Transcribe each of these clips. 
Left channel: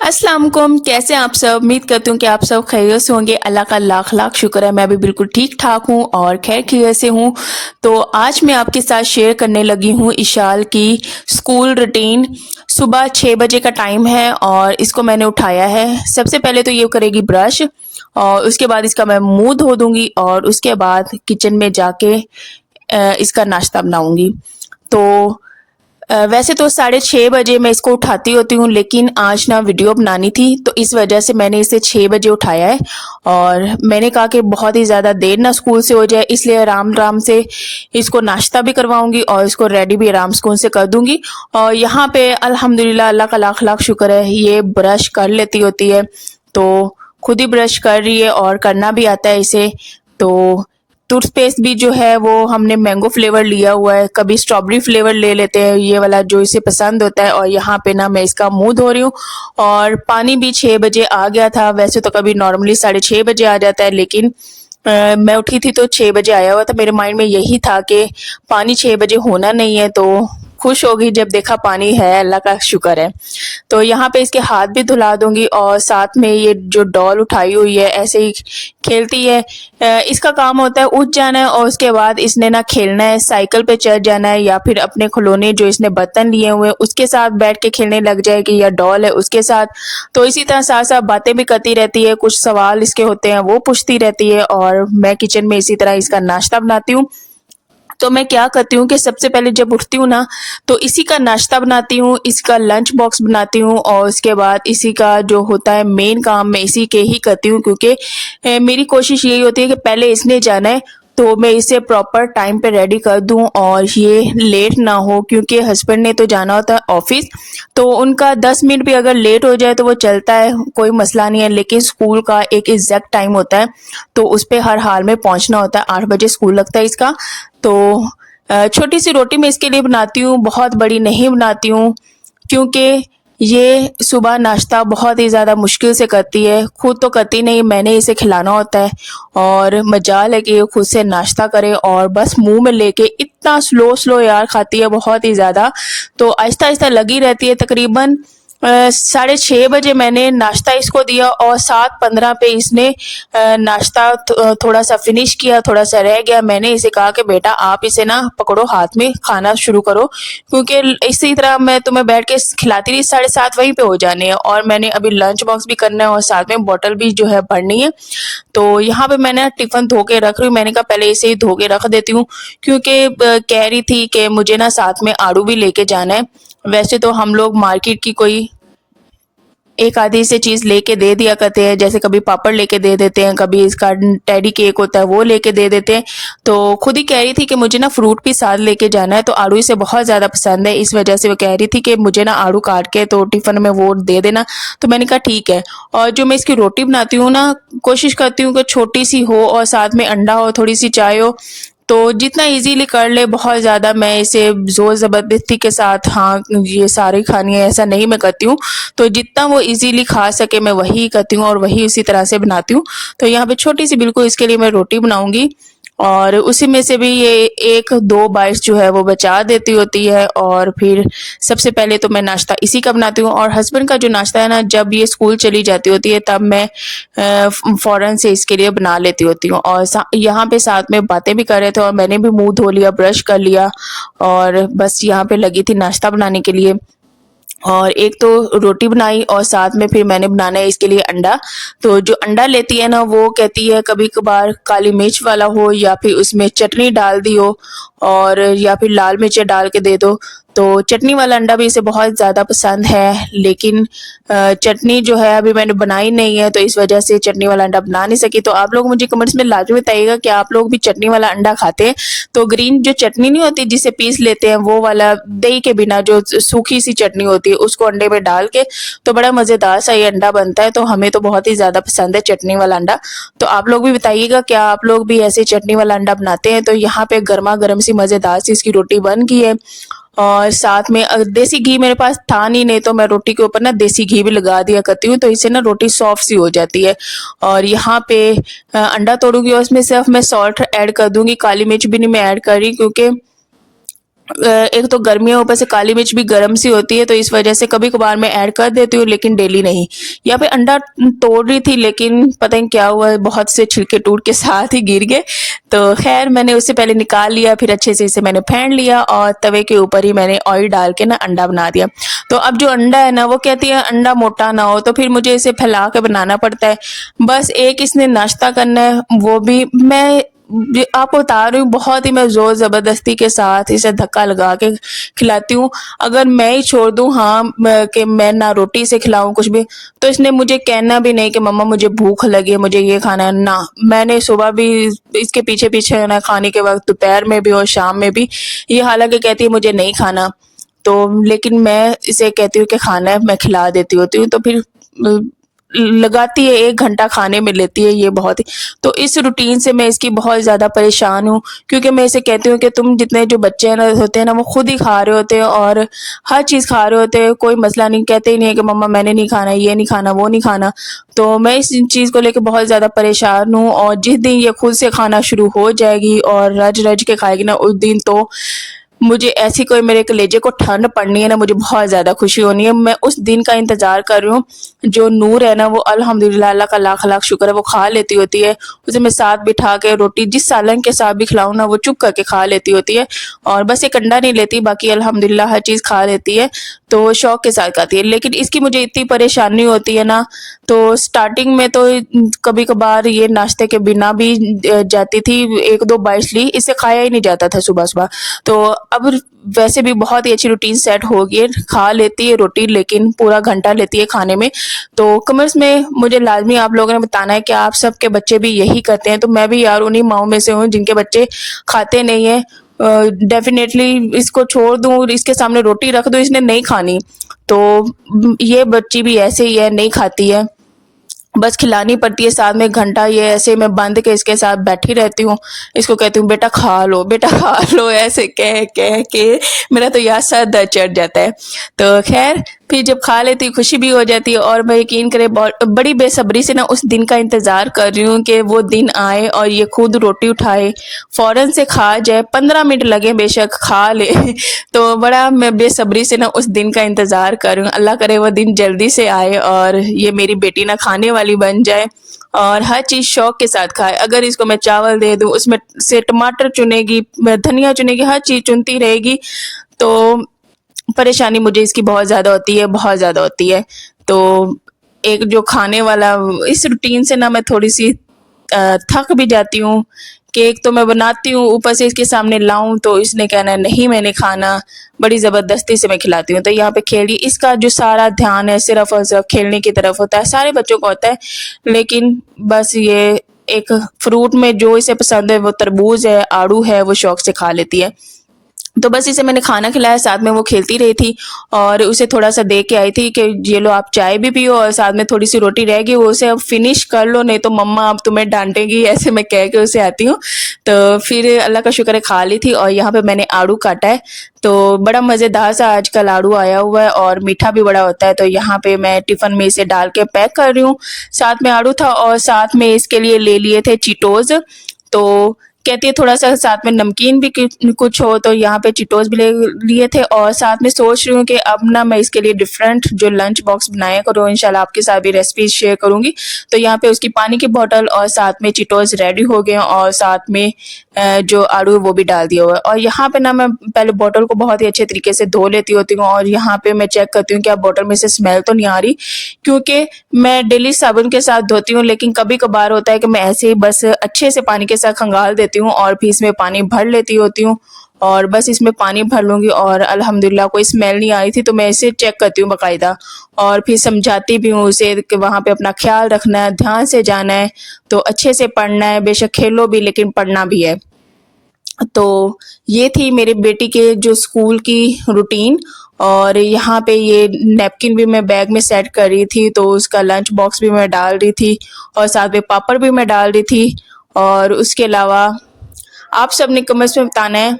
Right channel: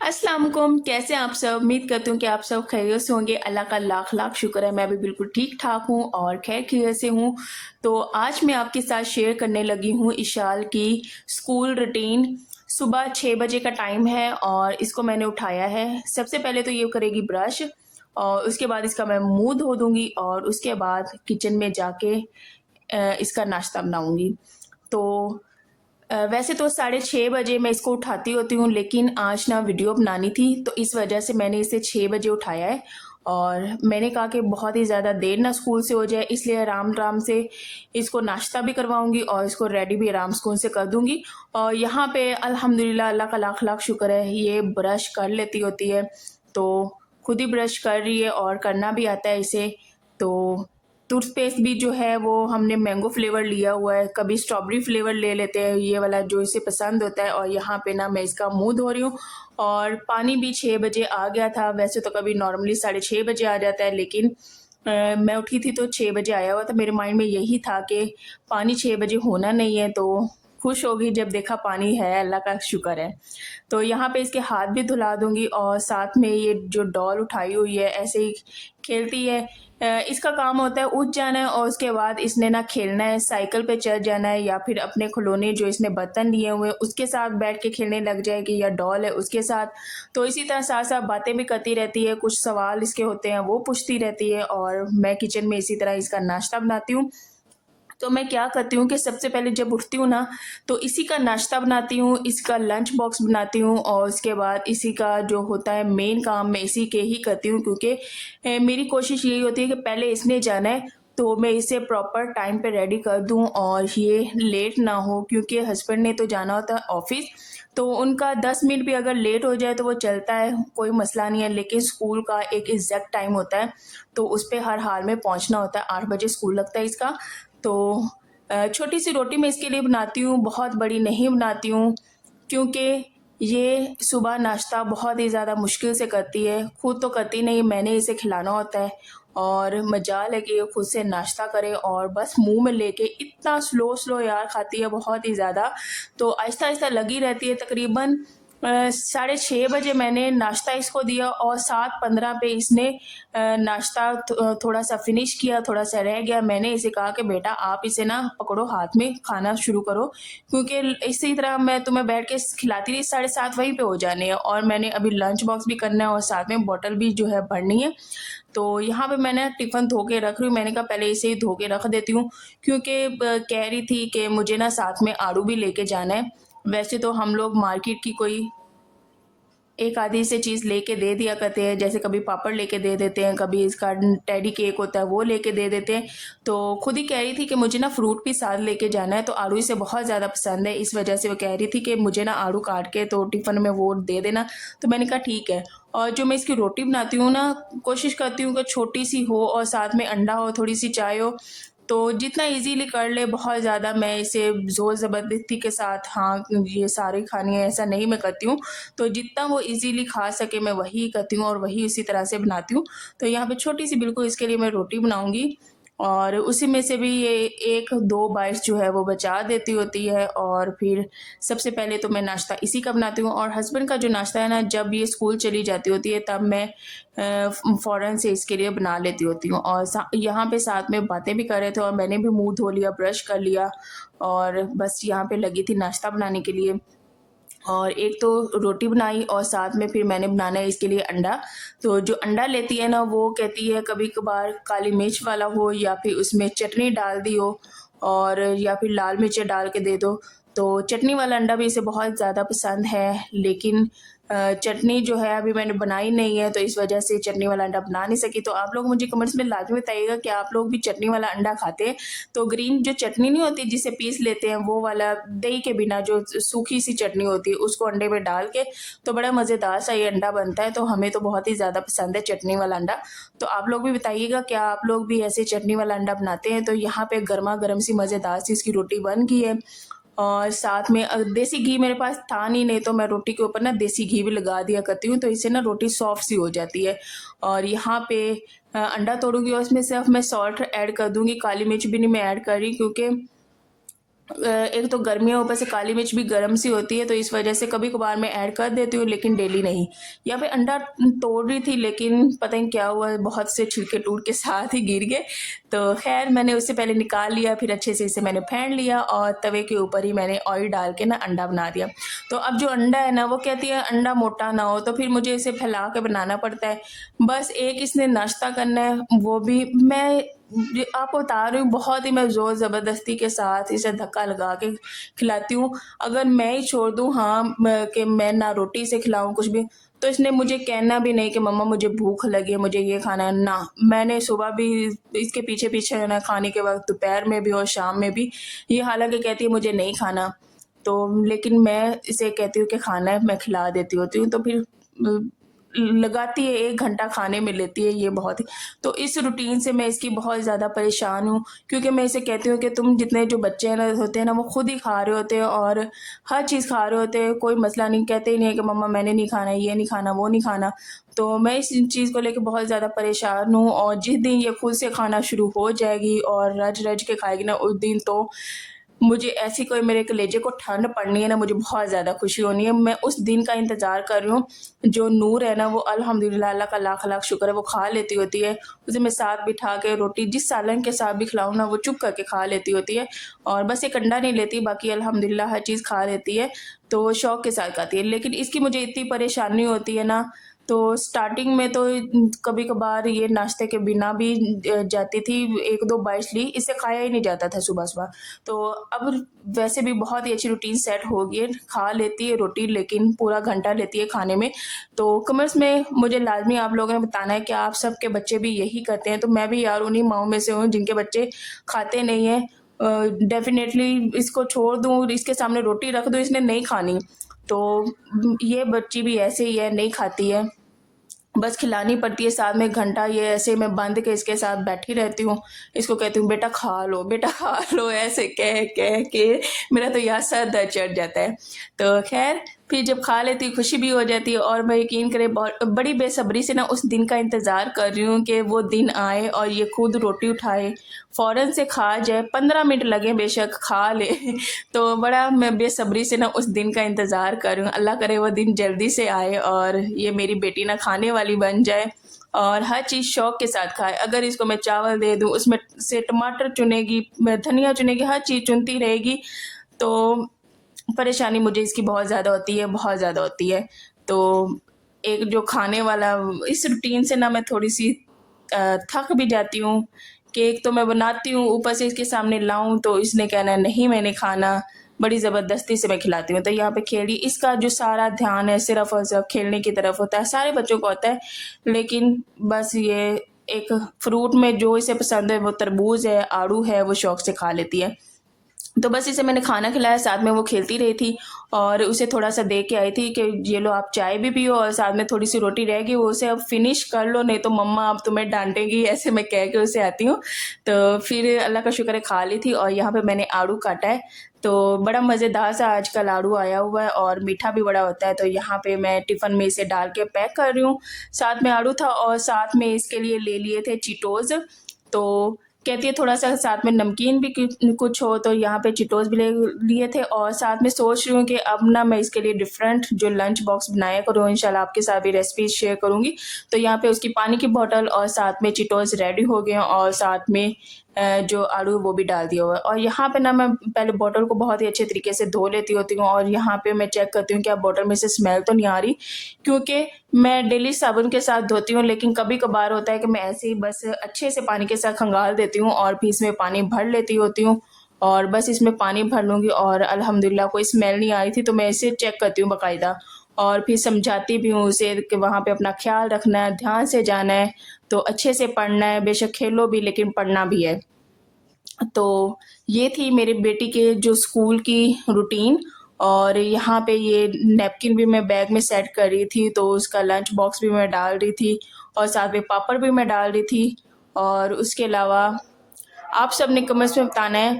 अस्सलाम वालेकुम। कैसे हैं आप सब? उम्मीद करती हूँ कि आप सब खैरियत से होंगे। अल्लाह का लाख लाख शुक्र है, मैं भी बिल्कुल ठीक ठाक हूँ और खैर खैरियत से हूँ। तो आज मैं आपके साथ शेयर करने लगी हूँ इशाल की स्कूल रूटीन। सुबह 6 बजे का टाइम है और इसको मैंने उठाया है। सबसे पहले तो ये करेगी ब्रश और उसके बाद इसका मैं मुंह धो दूंगी और उसके बाद किचन में जाके इसका नाश्ता बनाऊंगी। तो वैसे तो 6:30 बजे मैं इसको उठाती होती हूँ, लेकिन आज ना वीडियो बनानी थी तो इस वजह से मैंने इसे 6 बजे उठाया है। और मैंने कहा कि बहुत ही ज़्यादा देर ना स्कूल से हो जाए, इसलिए आराम आराम से इसको नाश्ता भी करवाऊंगी और इसको रेडी भी आराम सुकून से कर दूंगी। और यहाँ पे अल्हम्दुलिल्लाह अल्लाह का लाख लाख शुक्र है, ये ब्रश कर लेती होती है, तो खुद ही ब्रश कर रही है और करना भी आता है इसे। तो टूथपेस्ट भी जो है वो हमने मैंगो फ्लेवर लिया हुआ है, कभी स्ट्रॉबेरी फ्लेवर ले लेते हैं, ये वाला जो इसे पसंद होता है। और यहाँ पे ना मैं इसका मुंह धो रही हूँ और पानी भी 6 बजे आ गया था। वैसे तो कभी नॉर्मली 6:30 बजे आ जाता है, लेकिन मैं उठी थी तो 6 बजे आया हुआ था। मेरे माइंड में यही था कि पानी 6 बजे होना नहीं है, तो खुश हो गई जब देखा पानी है, अल्लाह का शुक्र है। तो यहाँ पे इसके हाथ भी धुला दूंगी और साथ में ये जो डॉल उठाई हुई है ऐसे ही खेलती है। इसका काम होता है उठ जाना है और उसके बाद इसने ना खेलना है, साइकिल पे चढ़ जाना है या फिर अपने खिलौने जो इसने बर्तन लिए हुए हैं उसके साथ बैठ के खेलने लग जाएगी, या डॉल है उसके साथ। तो इसी तरह साथ साथ बातें भी करती रहती है, कुछ सवाल इसके होते हैं वो पूछती रहती है और मैं किचन में इसी तरह इसका नाश्ता बनाती हूँ। तो मैं क्या करती हूँ कि सबसे पहले जब उठती हूँ ना, तो इसी का नाश्ता बनाती हूँ, इसका लंच बॉक्स बनाती हूँ और उसके बाद इसी का जो होता है मेन काम मैं इसी के ही करती हूँ, क्योंकि मेरी कोशिश यही होती है कि पहले इसने जाना है तो मैं इसे प्रॉपर टाइम पे रेडी कर दूं और ये लेट ना हो, क्योंकि हस्बैंड ने तो जाना होता है ऑफिस। तो उनका 10 मिनट भी अगर लेट हो जाए तो वो चलता है, कोई मसला नहीं है, लेकिन स्कूल का एक एग्जैक्ट टाइम होता है तो उस पर हर हाल में पहुंचना होता है। 8 बजे स्कूल लगता है इसका। तो छोटी सी रोटी मैं इसके लिए बनाती हूँ, बहुत बड़ी नहीं बनाती हूँ, क्योंकि ये सुबह नाश्ता बहुत ही ज़्यादा मुश्किल से करती है। खुद तो करती नहीं, मैंने इसे खिलाना होता है और मजाल है कि ये खुद से नाश्ता करे और बस मुंह में लेके इतना स्लो स्लो यार खाती है, बहुत ही ज़्यादा। तो आहिस्ता आहिस्ता लगी रहती है। तकरीबन 6:30 बजे मैंने नाश्ता इसको दिया और 7:15 पे इसने नाश्ता थोड़ा सा फिनिश किया, थोड़ा सा रह गया। मैंने इसे कहा कि बेटा आप इसे ना पकड़ो, हाथ में खाना शुरू करो, क्योंकि इसी तरह मैं तुम्हें बैठ के खिलाती रही, 7:30 वहीं पे हो जाने हैं और मैंने अभी लंच बॉक्स भी करना है और साथ में बॉटल भी जो है भरनी है। तो यहाँ पे मैंने टिफिन धो के रख रही हूँ, मैंने कहा पहले इसे ही धो के रख देती हूँ, क्योंकि कह रही थी कि मुझे ना साथ में आड़ू भी लेके जाना है। वैसे तो हम लोग मार्केट की कोई एक आधी से चीज लेके दे दिया करते हैं, जैसे कभी पापड़ लेके दे देते हैं, कभी इसका टेडी केक होता है वो लेके दे देते हैं। तो खुद ही कह रही थी कि मुझे ना फ्रूट भी साथ लेके जाना है, तो आड़ू इसे बहुत ज्यादा पसंद है, इस वजह से वो कह रही थी कि मुझे ना आड़ू काट के तो टिफिन में वो दे देना। तो मैंने कहा ठीक है। और जो मैं इसकी रोटी बनाती हूँ ना, कोशिश करती हूँ कि छोटी सी हो और साथ में अंडा हो, थोड़ी सी चाय हो, तो जितना इजीली कर ले। बहुत ज़्यादा मैं इसे ज़ोर ज़बरदस्ती के साथ हाँ ये सारी खानी है ऐसा नहीं मैं करती हूँ। तो जितना वो इजीली खा सके मैं वही करती हूँ और वही उसी तरह से बनाती हूँ। तो यहाँ पे छोटी सी बिल्कुल इसके लिए मैं रोटी बनाऊंगी और उसी में से भी ये 1-2 बाइट्स जो है वो बचा देती होती है। और फिर सबसे पहले तो मैं नाश्ता इसी का बनाती हूँ और हस्बैंड का जो नाश्ता है ना, जब ये स्कूल चली जाती होती है तब मैं फ़ौरन से इसके लिए बना लेती होती हूँ। और यहाँ पे साथ में बातें भी कर रहे थे और मैंने भी मुंह धो लिया, ब्रश कर लिया और बस यहाँ पे लगी थी नाश्ता बनाने के लिए। और एक तो रोटी बनाई और साथ में फिर मैंने बनाना है इसके लिए अंडा। तो जो अंडा लेती है ना, वो कहती है कभी कभार काली मिर्च वाला हो या फिर उसमें चटनी डाल दी हो और या फिर लाल मिर्च डाल के दे दो। तो चटनी वाला अंडा भी इसे बहुत ज़्यादा पसंद है, लेकिन चटनी जो है अभी मैंने बनाई नहीं है तो इस वजह से चटनी वाला अंडा बना नहीं सकी। तो आप लोग मुझे कमेंट्स में लाजमी बताइएगा कि आप लोग भी चटनी वाला अंडा खाते हैं। तो ग्रीन जो चटनी नहीं होती जिसे पीस लेते हैं, वो वाला दही के बिना जो सूखी सी चटनी होती है उसको अंडे में डाल के तो बड़ा मज़ेदार सा ये अंडा बनता है। तो हमें तो बहुत ही ज़्यादा पसंद है चटनी वाला अंडा। तो आप लोग भी बताइएगा क्या आप लोग भी ऐसे चटनी वाला अंडा बनाते हैं। तो यहाँ पे गर्मा गर्म सी मज़ेदार सी इसकी रोटी बन गई है और साथ में देसी घी मेरे पास था नहीं तो मैं रोटी के ऊपर ना देसी घी भी लगा दिया करती हूँ, तो इससे ना रोटी सॉफ्ट सी हो जाती है। और यहाँ पे अंडा तोड़ूंगी और उसमें सिर्फ मैं सॉल्ट ऐड कर दूंगी, काली मिर्च भी नहीं मैं ऐड कर रही, क्योंकि एक तो गर्मियों ऊपर से काली मिर्च भी गर्म सी होती है, तो इस वजह से कभी कभार मैं ऐड कर देती हूँ, लेकिन डेली नहीं। यहाँ पे अंडा तोड़ रही थी, लेकिन पता नहीं क्या हुआ, बहुत से छिलके टूट के साथ ही गिर गए। तो खैर मैंने उससे पहले निकाल लिया, फिर अच्छे से इसे मैंने फेंट लिया और तवे के ऊपर ही मैंने ऑयल डाल के ना अंडा बना दिया। तो अब जो अंडा है ना, वो कहती है अंडा मोटा ना हो, तो फिर मुझे इसे फैला के बनाना पड़ता है। बस एक इसने नाश्ता करना है, वो भी मैं आपको बता रही हूँ, बहुत ही मैं जोर जबरदस्ती के साथ इसे धक्का लगा के खिलाती हूँ। अगर मैं ही छोड़ दूँ, हाँ, कि मैं ना रोटी से खिलाऊं कुछ भी, तो इसने मुझे कहना भी नहीं कि मम्मा मुझे भूख लगी है, मुझे ये खाना है ना। मैंने सुबह भी इसके पीछे पीछे ना, खाने के वक्त दोपहर में भी और शाम में भी, ये हालांकि कहती है मुझे नहीं खाना, तो लेकिन मैं इसे कहती हूँ कि खाना है, मैं खिला देती होती हूँ। तो फिर लगाती है 1 घंटा खाने में लेती है ये, बहुत ही। तो इस रूटीन से मैं इसकी बहुत ज़्यादा परेशान हूँ, क्योंकि मैं इसे कहती हूँ कि तुम जितने जो बच्चे हैं ना होते हैं ना, वो खुद ही खा रहे होते हैं और हर चीज़ खा रहे होते हैं, कोई मसला नहीं, कहते ही नहीं है कि मम्मा मैंने नहीं खाना, ये नहीं खाना, वो नहीं खाना। तो मैं इस चीज़ को लेकर बहुत ज़्यादा परेशान हूँ, और जिस दिन ये खुद से खाना शुरू हो जाएगी और रज रज के खाएगी ना, उस दिन तो मुझे ऐसी कोई मेरे कलेजे को ठंड पड़नी है ना, मुझे बहुत ज़्यादा खुशी होनी है। मैं उस दिन का इंतज़ार कर रही हूँ। जो नूर है ना, वो अल्हम्दुलिल्लाह, अल्लाह का लाख लाख शुक्र है, वो खा लेती होती है। उसे मैं साथ बिठा के रोटी जिस सालन के साथ भी खिलाऊँ ना, वो चुप करके खा लेती होती है। और बस एक अंडा नहीं लेती, बाकी अल्हम्दुलिल्लाह हर चीज़ खा लेती है, तो शौक के साथ खाती है। लेकिन इसकी मुझे इतनी परेशानी होती है ना, तो स्टार्टिंग में तो कभी कभार ये नाश्ते के बिना भी जाती थी, 1-2 बाइट्स ली, इससे खाया ही नहीं जाता था सुबह सुबह। तो अब वैसे भी बहुत ही अच्छी रूटीन सेट हो गई है, खा लेती है रोटी, लेकिन पूरा घंटा लेती है खाने में। तो कमेंट्स में मुझे लाजमी आप लोगों ने बताना है कि आप सबके बच्चे भी यही करते हैं। तो मैं भी यार उन्हीं माओं में से हूँ जिनके बच्चे खाते नहीं है। डेफिनेटली इसको छोड़ दूँ, इसके सामने रोटी रख दूँ, इसने नहीं खानी। तो ये बच्ची भी ऐसे ही है, नहीं खाती है, बस खिलानी पड़ती है। साथ में 1 घंटा ये ऐसे मैं बंद के इसके साथ बैठी रहती हूँ। इसको कहती हूँ बेटा खा लो, बेटा खा लो, ऐसे कह कह के मेरा तो यार सर दर्द चढ़ जाता है। तो खैर फिर जब खा लेती है, खुशी भी हो जाती है, और मैं यकीन करें बड़ी बेसब्री से ना उस दिन का इंतज़ार कर रही हूँ कि वो दिन आए और ये खुद रोटी उठाए, फ़ौरन से खा जाए, 15 मिनट लगे बेशक खा ले। तो बड़ा मैं बेसब्री से ना उस दिन का इंतज़ार कर रही हूँ। अल्लाह करे वो दिन जल्दी से आए और ये मेरी बेटी ना खाने वाली बन जाए और हर चीज़ शौक के साथ खाए। अगर इसको मैं चावल दे दूँ, उसमें से टमाटर चुनेगी, धनिया चुनेगी, हर चीज़ चुनती रहेगी। तो परेशानी मुझे इसकी बहुत ज़्यादा होती है, बहुत ज़्यादा होती है। तो एक जो खाने वाला, इस रूटीन से ना मैं थोड़ी-सी थक भी जाती हूँ। केक तो मैं बनाती हूँ, ऊपर से इसके सामने लाऊँ तो इसने कहना है नहीं मैंने खाना, बड़ी ज़बरदस्ती से मैं खिलाती हूँ। तो यहाँ पे खेल रही, इसका जो सारा ध्यान है सिर्फ़ और सिर्फ़ खेलने की तरफ होता है, सारे बच्चों को होता है। लेकिन बस ये एक फ्रूट में जो इसे पसंद है, वो तरबूज़ है, आड़ू है, वो शौक से खा लेती है। तो बस इसे मैंने खाना खिलाया, साथ में वो खेलती रही थी, और उसे थोड़ा-सा दे के आई थी कि ये लो आप चाय भी पियो, और साथ में थोड़ी-सी रोटी रह गई, वो उसे अब फिनिश कर लो, नहीं तो मम्मा अब तुम्हें डाँटेगी, ऐसे मैं कह के उसे आती हूँ। तो फिर अल्लाह का शुक्र है खा ली थी, और यहाँ पे मैंने आड़ू काटा है, तो बड़ा मज़ेदार सा आजकल आड़ू आया हुआ है और मीठा भी बड़ा होता है। तो यहाँ पे मैं टिफ़िन में इसे डाल के पैक कर रही हूँ। साथ में आड़ू था और साथ में इसके लिए ले लिए थे चीटोज़। तो कहती है थोड़ा-सा साथ में नमकीन भी कुछ हो, तो यहाँ पे चीटोज़ भी ले लिए थे, और साथ में सोच रही हूँ कि अब ना मैं इसके लिए डिफरेंट जो लंच बॉक्स बनाया करूँ, इंशाल्लाह आपके साथ भी रेसिपीज़ शेयर करूँगी। तो यहाँ पे उसकी पानी की बॉटल और साथ में चीटोज़ रेडी हो गए हैं, और साथ में जो आड़ू है वो भी डाल दिया हुआ है। और यहाँ पे ना मैं पहले बॉटल को बहुत ही अच्छे तरीके से धो लेती होती हूँ, और यहाँ पे मैं चेक करती हूँ कि अब बॉटल में से स्मेल तो नहीं आ रही, क्योंकि मैं डेली साबुन के साथ धोती हूँ, लेकिन कभी-कभार होता है कि मैं ऐसे ही बस अच्छे से पानी के साथ खंगाल देती हूँ और फिर इसमें पानी भर लेती होती हूँ, और बस इसमें पानी भर लूँगी और अल्हम्दुलिल्लाह कोई स्मेल नहीं आ रही थी। तो मैं इसे चेक करती हूँ बाकायदा, और फिर समझाती भी हूँ उसे कि वहाँ पे अपना ख़्याल रखना है, ध्यान से जाना है, तो अच्छे से पढ़ना है, बेशक खेलो भी लेकिन पढ़ना भी है। तो ये थी मेरी बेटी के जो स्कूल की रूटीन, और यहाँ पे ये नैपकिन भी मैं बैग में सेट कर रही थी, तो उसका लंच बॉक्स भी मैं डाल रही थी, और साथ में पापड़ भी मैं डाल रही थी। और उसके अलावा आप सब ने कमेंट्स में बताना है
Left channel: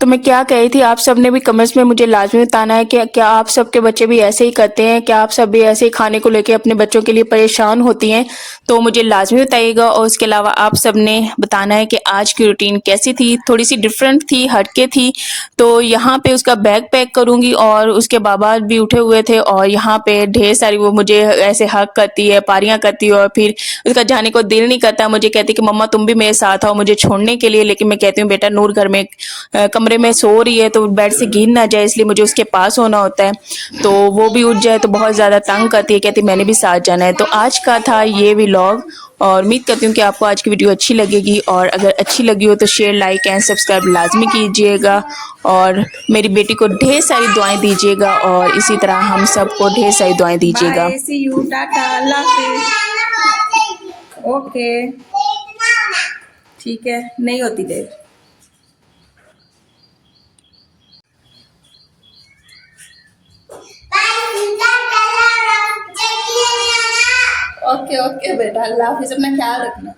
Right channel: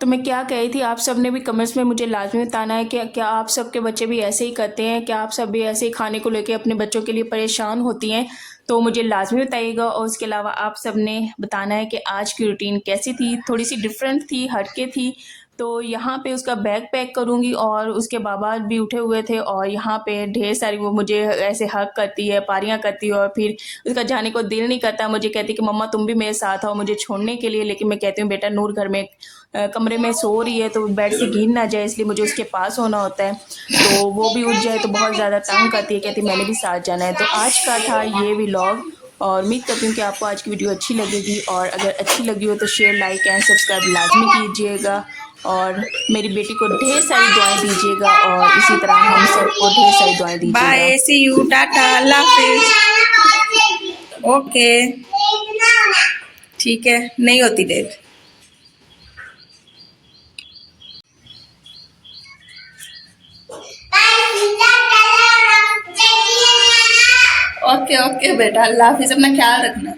तो मैं क्या कही थी, आप सब ने भी कमेंट्स में मुझे लाजमी बताना है कि क्या आप सबके बच्चे भी ऐसे ही करते हैं, क्या आप सब भी ऐसे ही खाने को लेके अपने बच्चों के लिए परेशान होती हैं। तो मुझे लाजमी बताइएगा। और उसके अलावा आप सब ने बताना है कि आज की रूटीन कैसी थी, थोड़ी सी डिफरेंट थी, हटके थी। तो यहाँ पे उसका बैग पैक करूँगी और उसके बाबा भी उठे हुए थे और यहाँ पे ढेर सारी वो मुझे ऐसे हक करती है, पारियाँ करती है और फिर उसका जाने को दिल नहीं करता। मुझे कहती कि मम्मा तुम भी मेरे साथ आओ मुझे छोड़ने के लिए, लेकिन मैं कहती हूँ बेटा नूर घर में कमरे में सो रही है तो बेड से गिर ना जाए, इसलिए मुझे उसके पास होना होता है। तो वो भी उठ जाए तो बहुत ज़्यादा तंग करती है, कहती मैंने भी साथ जाना है। तो आज का था ये व्लॉग और उम्मीद करती हूँ कि आपको आज की वीडियो अच्छी लगेगी, और अगर अच्छी लगी हो तो शेयर, लाइक एंड सब्सक्राइब लाजमी कीजिएगा और मेरी बेटी को ढेर सारी दुआएं दीजिएगा और इसी तरह हम सबको ढेर सारी दुआएं दीजिएगा। बाय, सी यू, टाटा, अल्लाह हाफिज। ओके, ठीक है, नहीं होती लेट। ओके ओके बेटा, अल्लाह हाफिज, अपना ख्याल रखना।